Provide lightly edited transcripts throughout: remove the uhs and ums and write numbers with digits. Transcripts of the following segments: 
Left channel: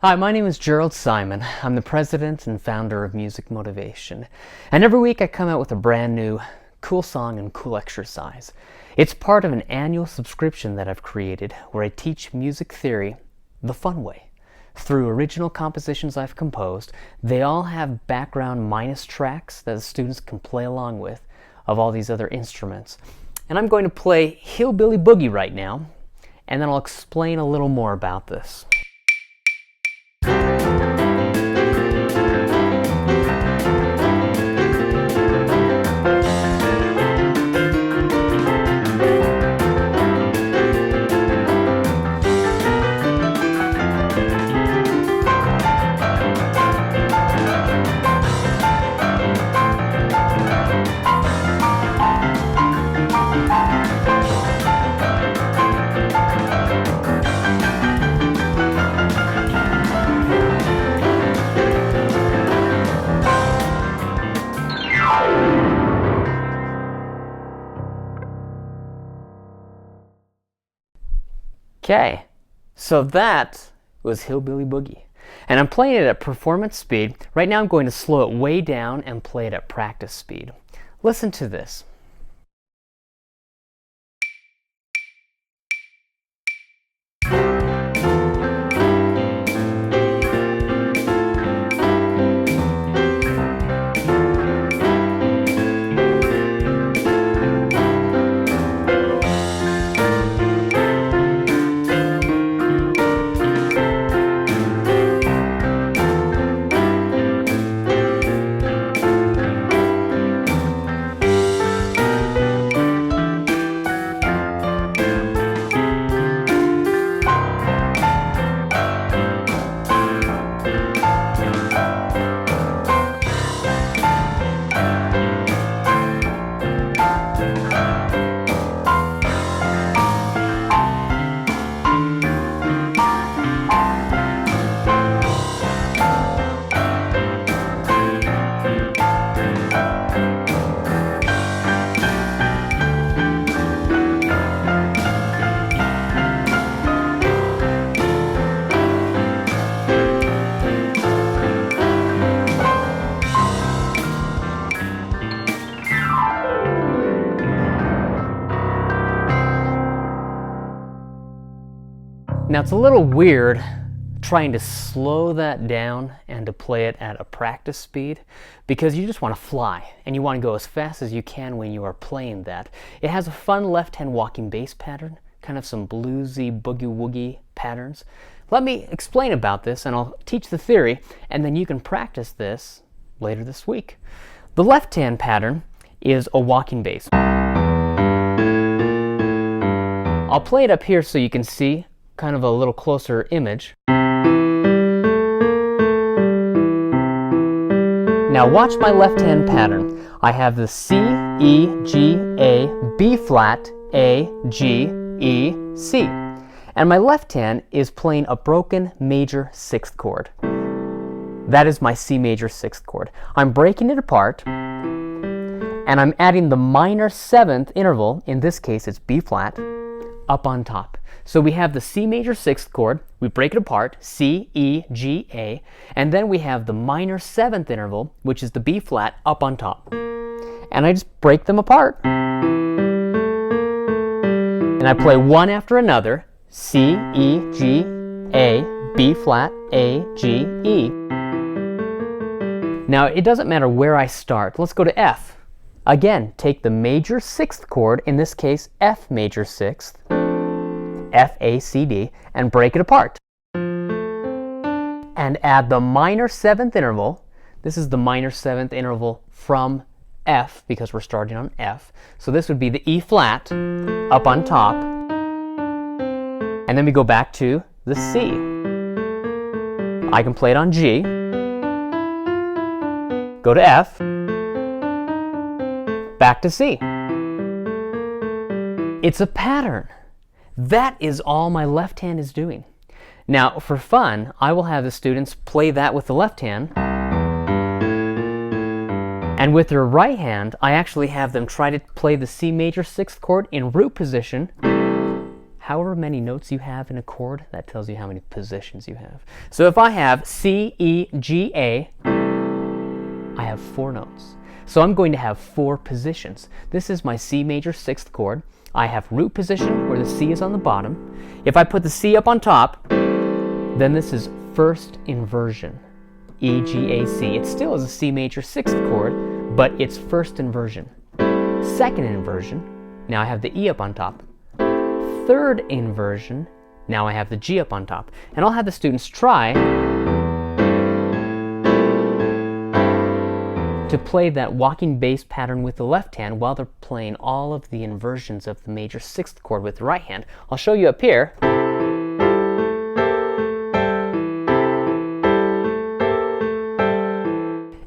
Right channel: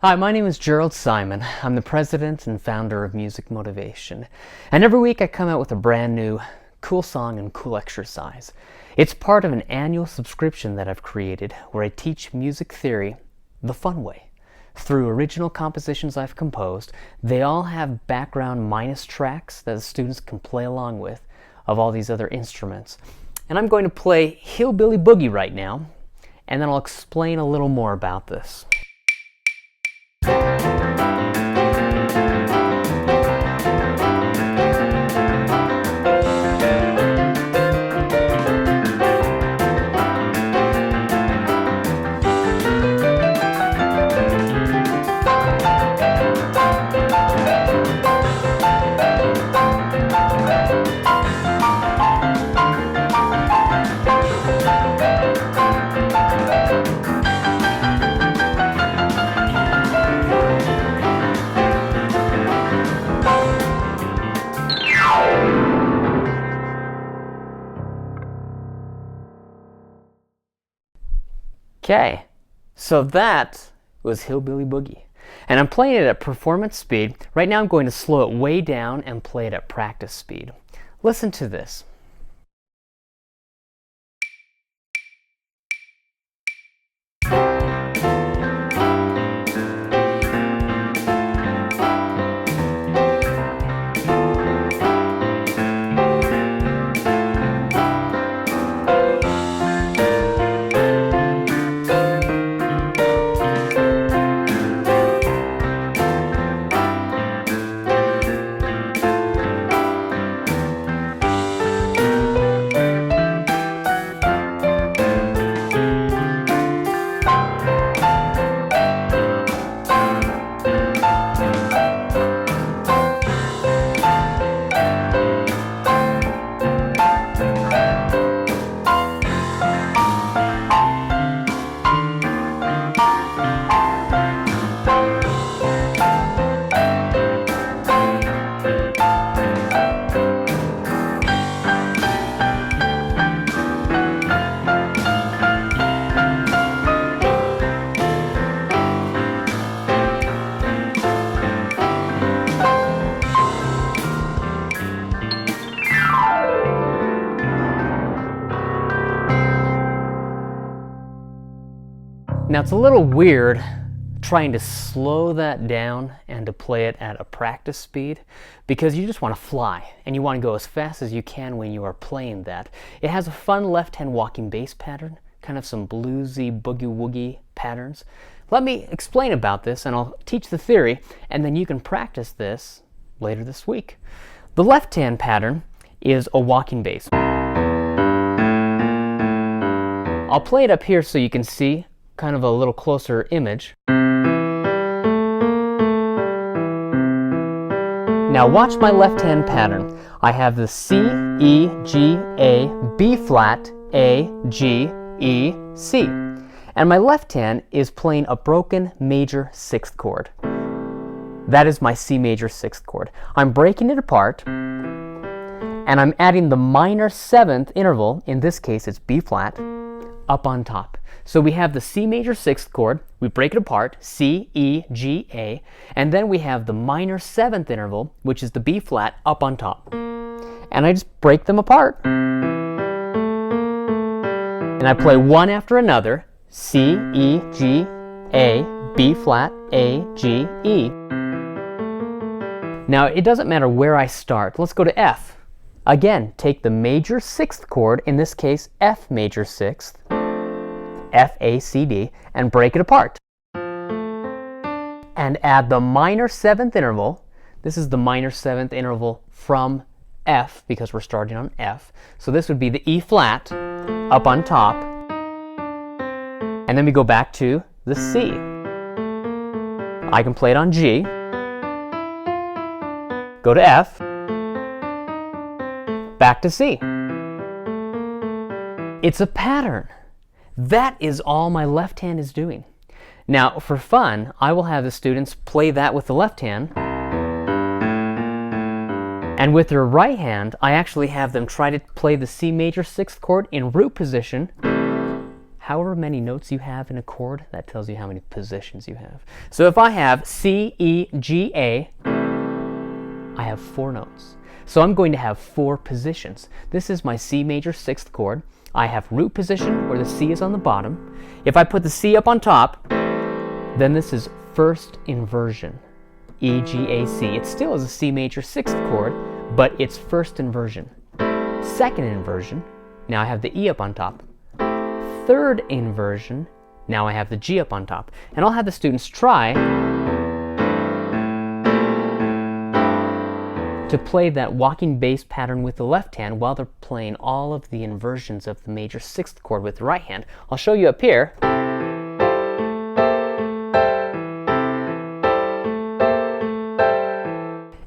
Hi, my name is Jerald Simon. I'm the president and founder of Music Motivation. And every week I come out with a brand new cool song and cool exercise. It's part of an annual subscription that I've created where I teach music theory the fun way. Through original compositions I've composed, they all have background minus tracks that the students can play along with of all these other instruments. And I'm going to play Hillbilly Boogie right now, and then I'll explain a little more about this. Okay, so that was Hillbilly Boogie. And I'm playing it at performance speed. Right now I'm going to slow it way down and play it at practice speed. Listen to this. Now it's a little weird trying to slow that down and to play it at a practice speed because you just want to fly and you want to go as fast as you can when you are playing that. It has a fun left-hand walking bass pattern, kind of some bluesy boogie-woogie patterns. Let me explain about this and I'll teach the theory and then you can practice this later this week. The left-hand pattern is a walking bass. I'll play it up here so you can see kind of a little closer image. Now watch my left hand pattern. I have the C, E, G, A, B flat, A, G, E, C. And my left hand is playing a broken major sixth chord. That is my C major sixth chord. I'm breaking it apart and I'm adding the minor seventh interval, in this case it's B flat, up on top. So we have the C major sixth chord, we break it apart, C, E, G, A, and then we have the minor seventh interval, which is the B flat, up on top. And I just break them apart. And I play one after another, C, E, G, A, B flat, A, G, E. Now it doesn't matter where I start. Let's go to F. Again, take the major sixth chord, in this case F major sixth, F, A, C, D, and break it apart. And add the minor seventh interval. This is the minor seventh interval from F because we're starting on F. So this would be the E flat up on top. And then we go back to the C. I can play it on G. Go to F. Back to C. It's a pattern. That is all my left hand is doing. Now, for fun, I will have the students play that with the left hand. And with their right hand, I actually have them try to play the C major sixth chord in root position. however many notes you have in a chord, that tells you how many positions you have. So if I have C, E, G, A, I have 4 notes. So I'm going to have 4 positions. This is my C major 6th chord. I have root position where the C is on the bottom. If I put the C up on top, then this is first inversion, E, G, A, C. It still is a C major 6th chord, but it's first inversion. Second inversion, now I have the E up on top. Third inversion, now I have the G up on top. And I'll have the students try to play that walking bass pattern with the left hand while they're playing all of the inversions of the major 6th chord with the right hand. I'll show you up here.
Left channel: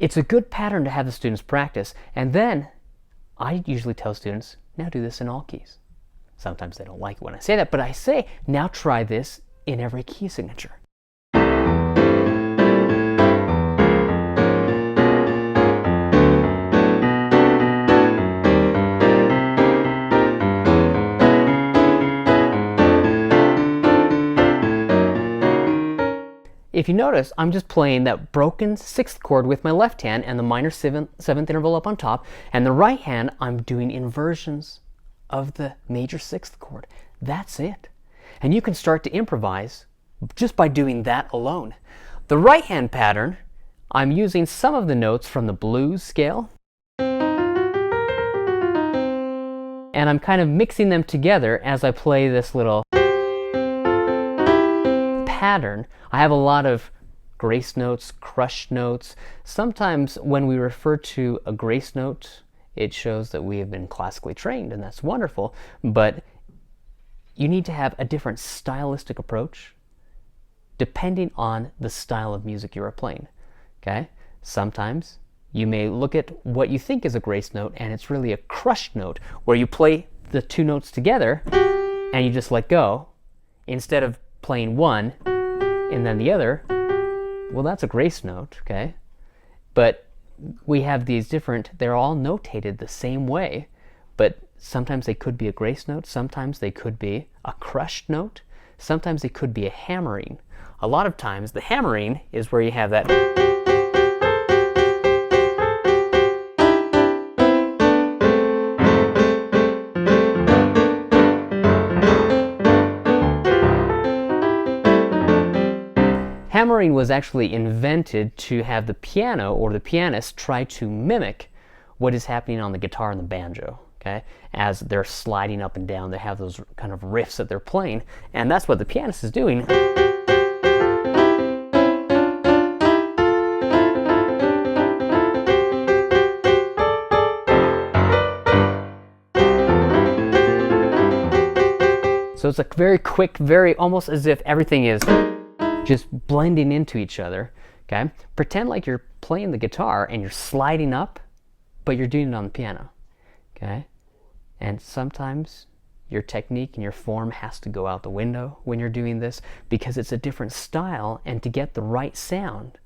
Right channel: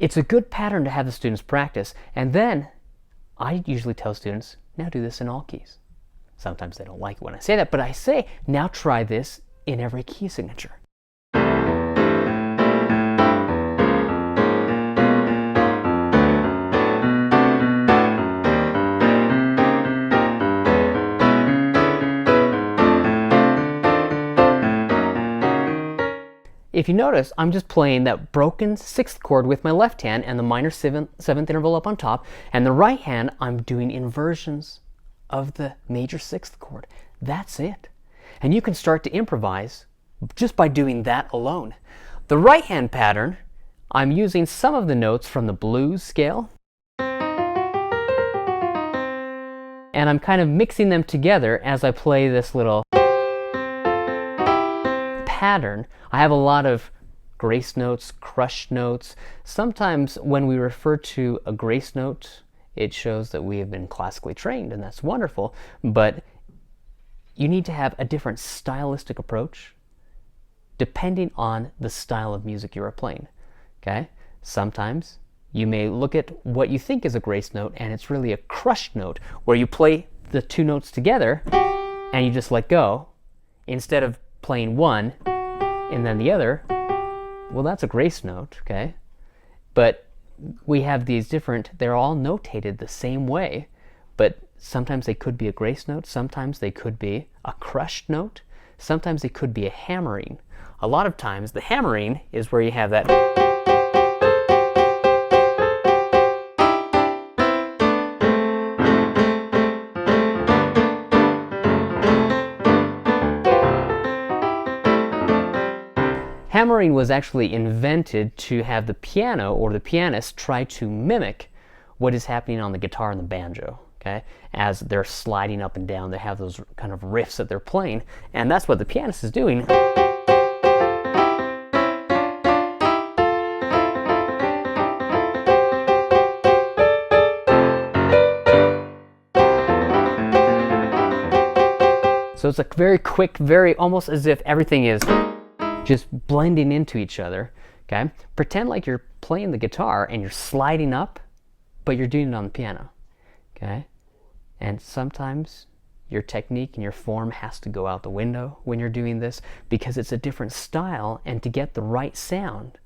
It's a good pattern to have the students practice, and then I usually tell students, now do this in all keys. Sometimes they don't like it when I say that, but I say, now try this in every key signature. If you notice, I'm just playing that broken 6th chord with my left hand and the minor 7th interval up on top, and the right hand I'm doing inversions of the major 6th chord. That's it. And you can start to improvise just by doing that alone. The right hand pattern, I'm using some of the notes from the blues scale, and I'm kind of mixing them together as I play this little pattern. I have a lot of grace notes, crushed notes. Sometimes when we refer to a grace note, it shows that we have been classically trained, and that's wonderful, but you need to have a different stylistic approach depending on the style of music you are playing. Okay? Sometimes you may look at what you think is a grace note and it's really a crushed note where you play the 2 notes together and you just let go instead of playing one and then the other. Well, that's a grace note, okay? But we have these different, they're all notated the same way, but sometimes they could be a grace note, sometimes they could be a crushed note, sometimes they could be a hammering. A lot of times the hammering is where you have that hammering was actually invented to have the piano or the pianist try to mimic what is happening on the guitar and the banjo, okay? As they're sliding up and down, they have those kind of riffs that they're playing, and that's what the pianist is doing. So it's a very quick, very almost as if everything is just blending into each other, okay? Pretend like you're playing the guitar and you're sliding up, but you're doing it on the piano, okay? And sometimes your technique and your form has to go out the window when you're doing this because it's a different style, and to get the right sound,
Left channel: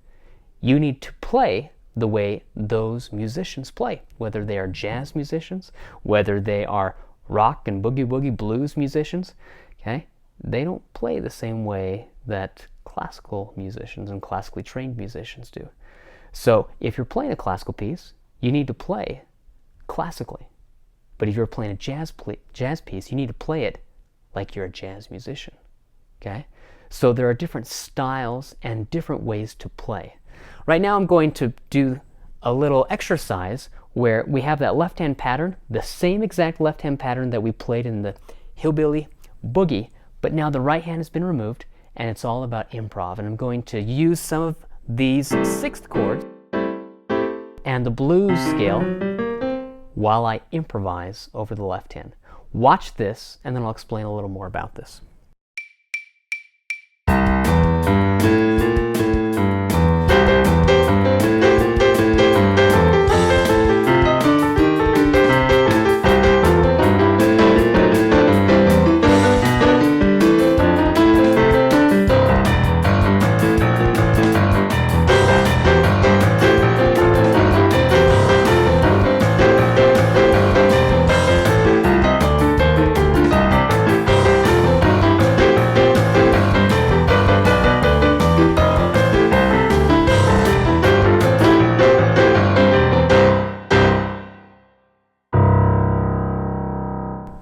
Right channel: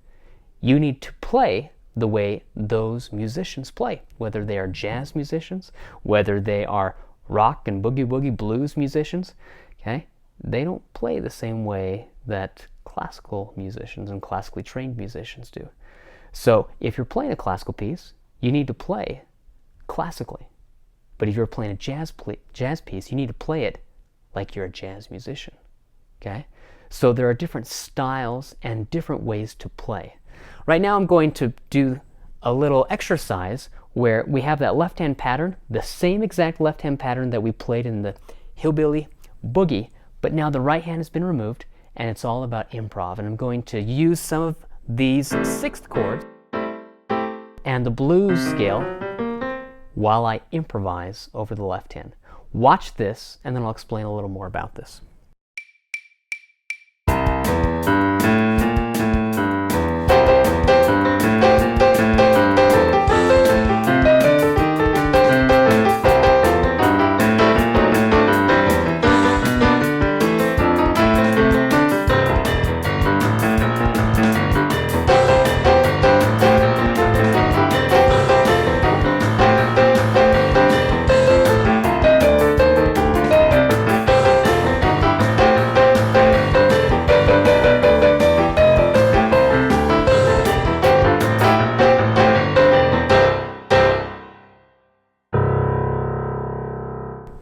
you need to play the way those musicians play, whether they are jazz musicians, whether they are rock and boogie-woogie blues musicians, okay? They don't play the same way that classical musicians and classically trained musicians do. So if you're playing a classical piece, you need to play classically. But if you're playing a jazz piece, you need to play it like you're a jazz musician. Okay? So there are different styles and different ways to play. Right now I'm going to do a little exercise where we have that left-hand pattern, the same exact left-hand pattern that we played in the hillbilly boogie, but now the right hand has been removed, and it's all about improv. And I'm going to use some of these 6th chords and the blues scale while I improvise over the left hand. Watch this, and then I'll explain a little more about this.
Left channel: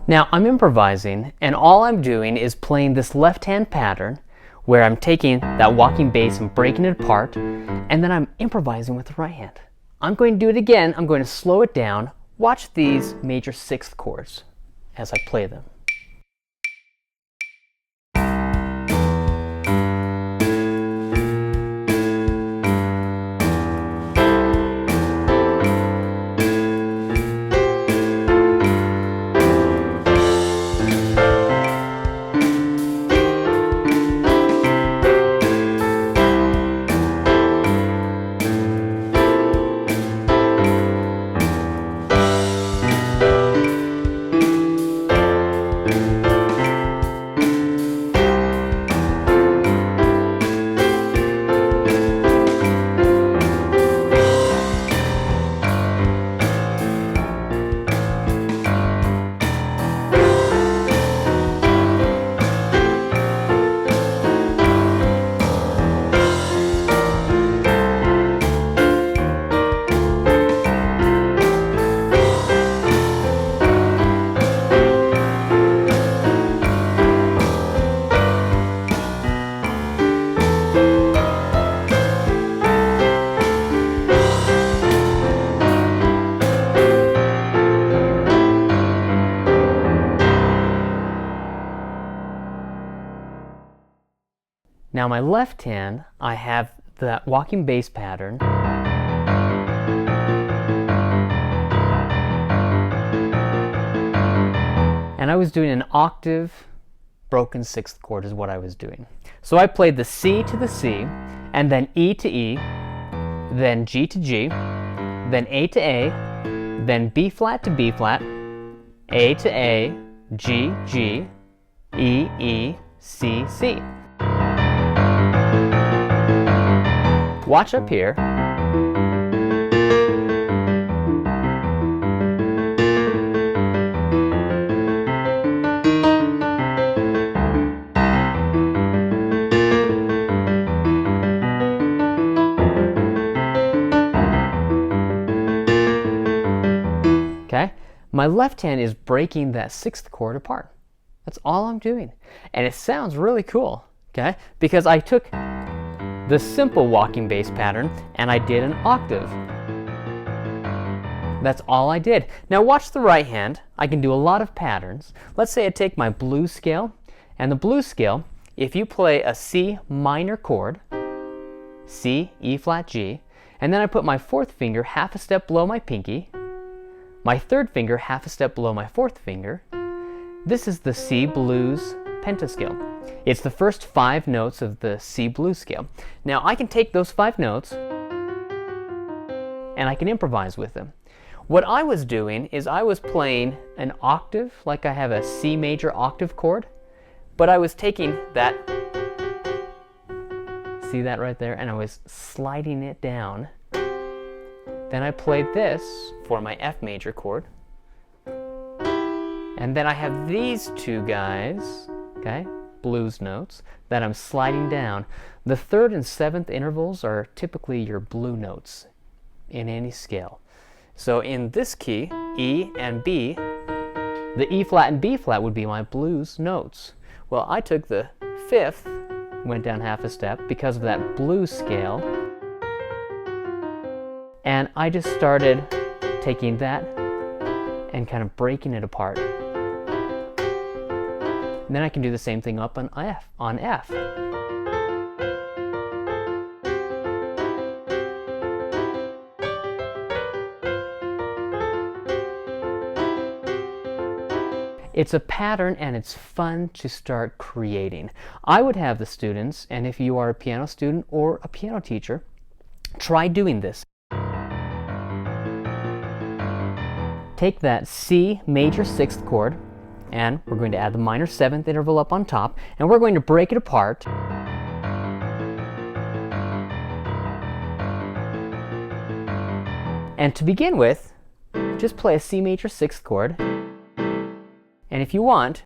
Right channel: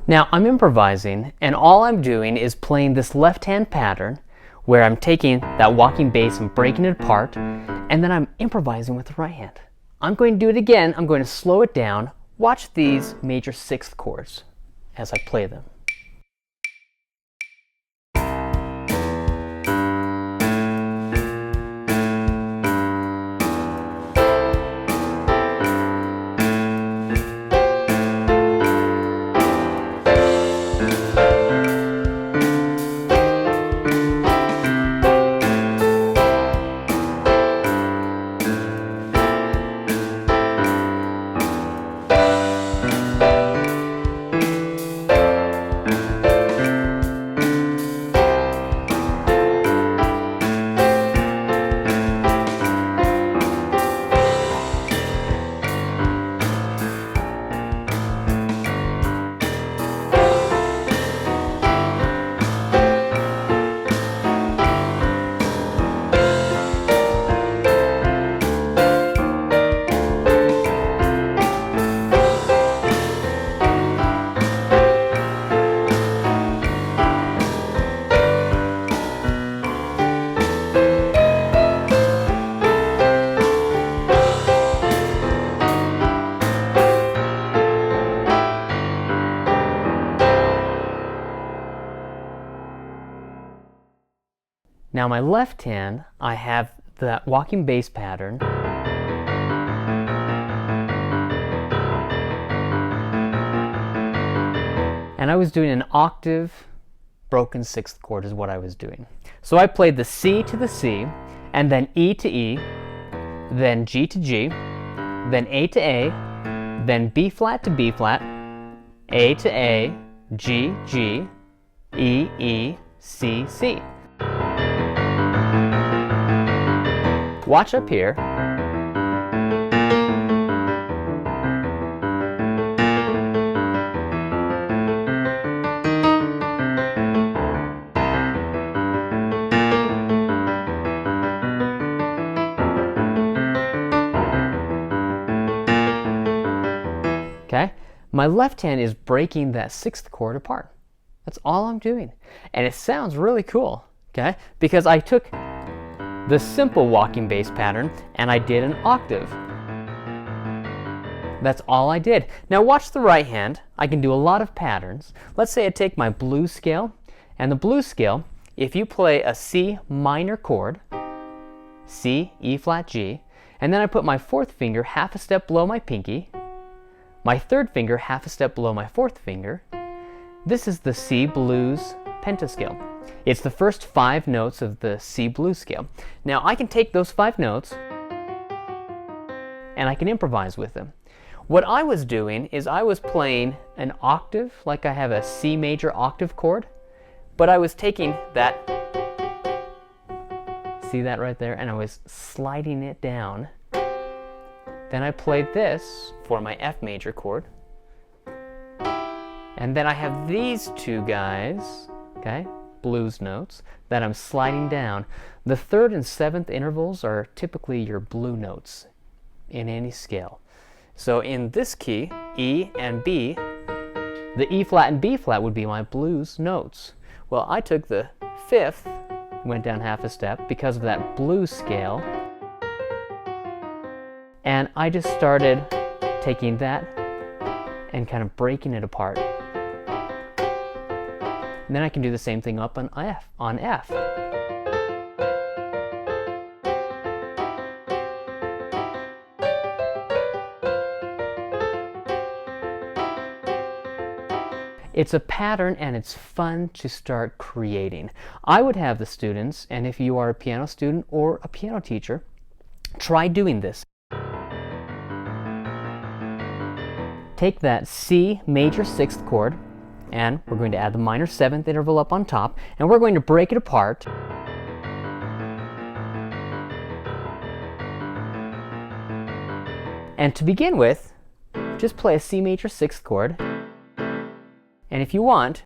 Now I'm improvising, and all I'm doing is playing this left hand pattern where I'm taking that walking bass and breaking it apart, and then I'm improvising with the right hand. I'm going to do it again. I'm going to slow it down. Watch these major sixth chords as I play them. Now my left hand, I have that walking bass pattern. And I was doing an octave broken sixth chord is what I was doing. So I played the C to the C, and then E to E, then G to G, then A to A, then B flat to B flat, A to A, G, G, E, E, C, C. Watch up here. Okay, my left hand is breaking that sixth chord apart. That's all I'm doing. And it sounds really cool, okay? Because I took the simple walking bass pattern and I did an octave. That's all I did. Now watch the right hand. I can do a lot of patterns. Let's say I take my blues scale, and the blues scale, if you play a C minor chord, C, E flat, G, and then I put my fourth finger half a step below my pinky, my third finger half a step below my fourth finger, this is the C blues pentascale. It's the first 5 notes of the C blues scale. Now I can take those 5 notes and I can improvise with them. What I was doing is I was playing an octave, like I have a C major octave chord, but I was taking that, see that right there, and I was sliding it down. Then I played this for my F major chord. And then I have these two guys, okay, blues notes, that I'm sliding down. The 3rd and 7th intervals are typically your blue notes in any scale. So in this key, E and B, the E flat and B flat would be my blues notes. Well, I took the 5th, went down half a step because of that blues scale, and I just started taking that and kind of breaking it apart. And then I can do the same thing up on F. It's a pattern and it's fun to start creating. I would have the students, and if you are a piano student or a piano teacher, try doing this. Take that C major 6th chord, and we're going to add the minor 7th interval up on top, and we're going to break it apart. And to begin with, just play a C major 6th chord. And if you want,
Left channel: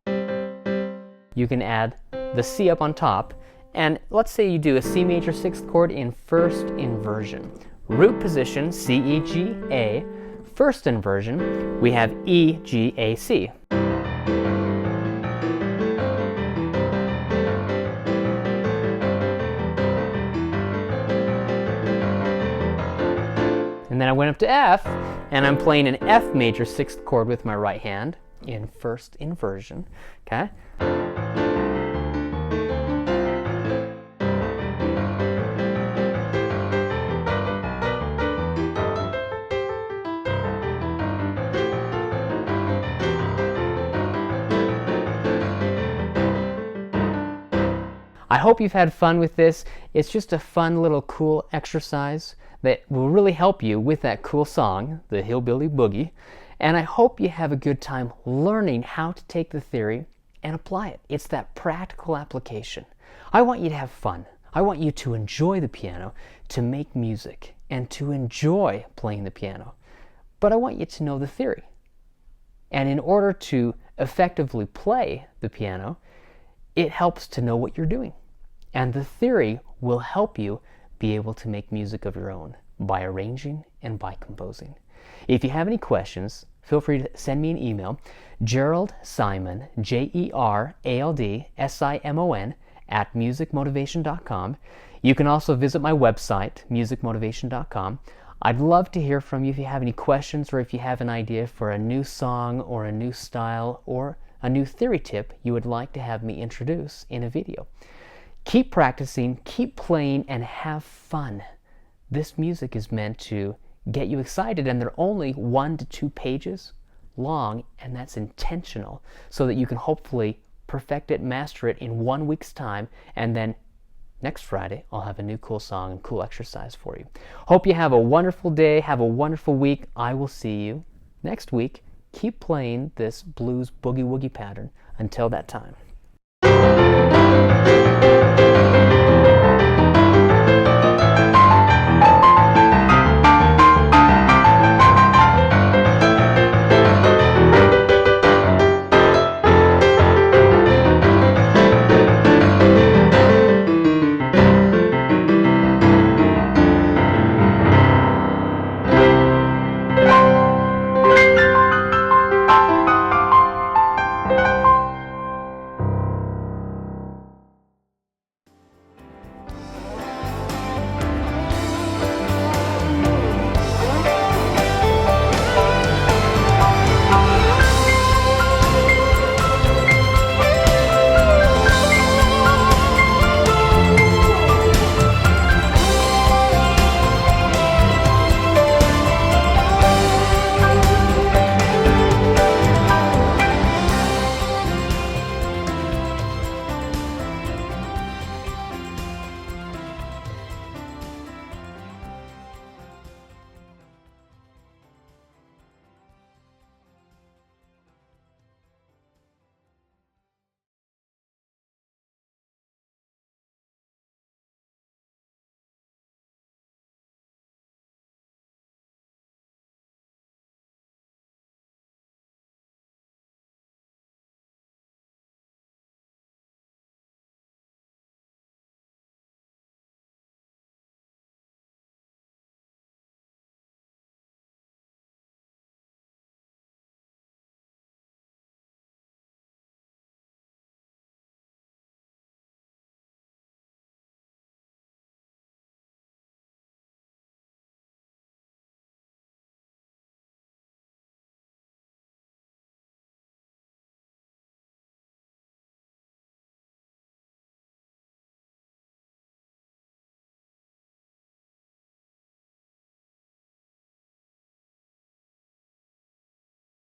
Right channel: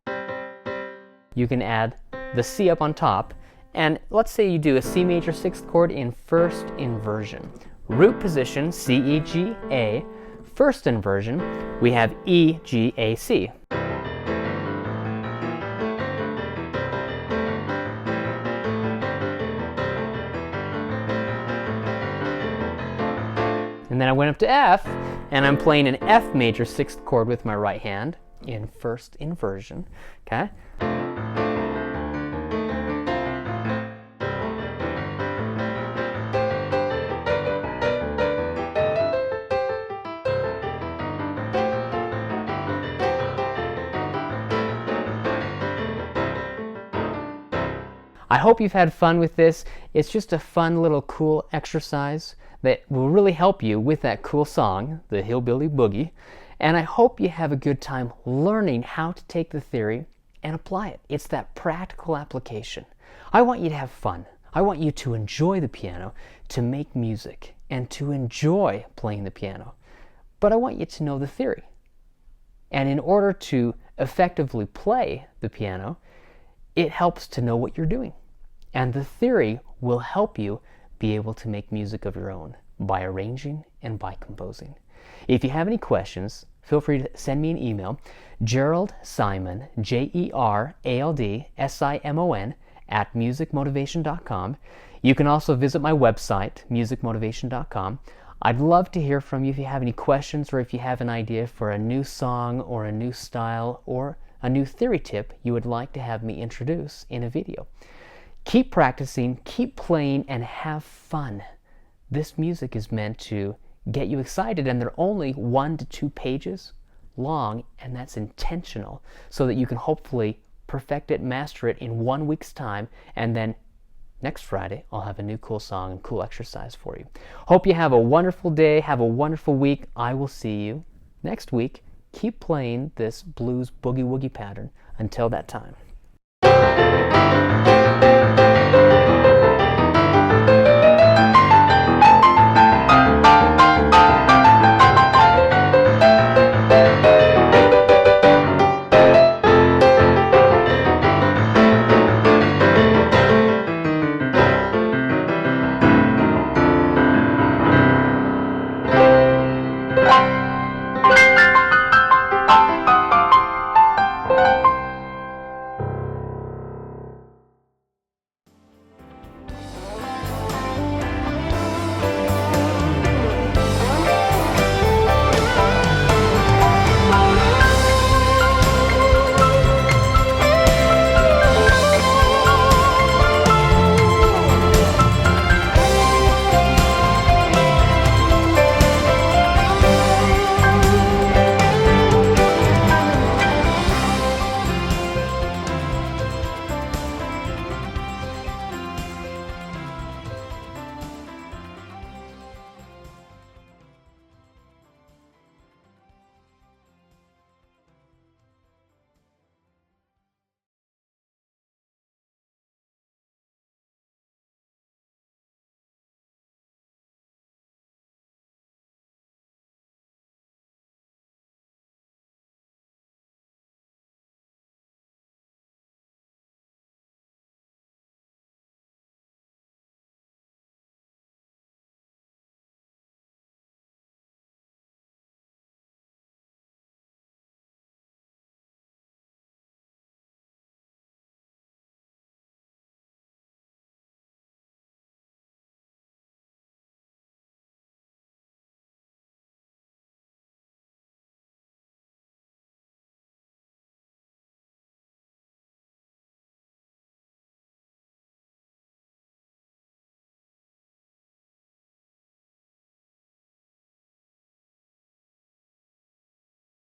you can add the C up on top. And let's say you do a C major 6th chord in first inversion. Root position, C, E, G, A. First inversion, we have E, G, A, C. And then I went up to F, and I'm playing an F major 6th chord with my right hand in first inversion, okay? I hope you've had fun with this. It's just a fun little cool exercise that will really help you with that cool song, the Hillbilly Boogie. And I hope you have a good time learning how to take the theory and apply it. It's that practical application. I want you to have fun. I want you to enjoy the piano, to make music, and to enjoy playing the piano. But I want you to know the theory. And in order to effectively play the piano, it helps to know what you're doing. And the theory will help you be able to make music of your own by arranging and by composing. If you have any questions, feel free to send me an email, Jerald Simon, JeraldSimon, at musicmotivation.com. You can also visit my website, musicmotivation.com. I'd love to hear from you if you have any questions or if you have an idea for a new song or a new style or a new theory tip you would like to have me introduce in a video. Keep practicing, keep playing, and have fun. This music is meant to get you excited, and they're only 1 to 2 pages long, and that's intentional so that you can hopefully perfect it, master it in 1 week's time, and then next Friday I'll have a new cool song and cool exercise for you. Hope you have a wonderful day, have a wonderful week. I will see you next week. Keep playing this blues boogie woogie pattern until that time.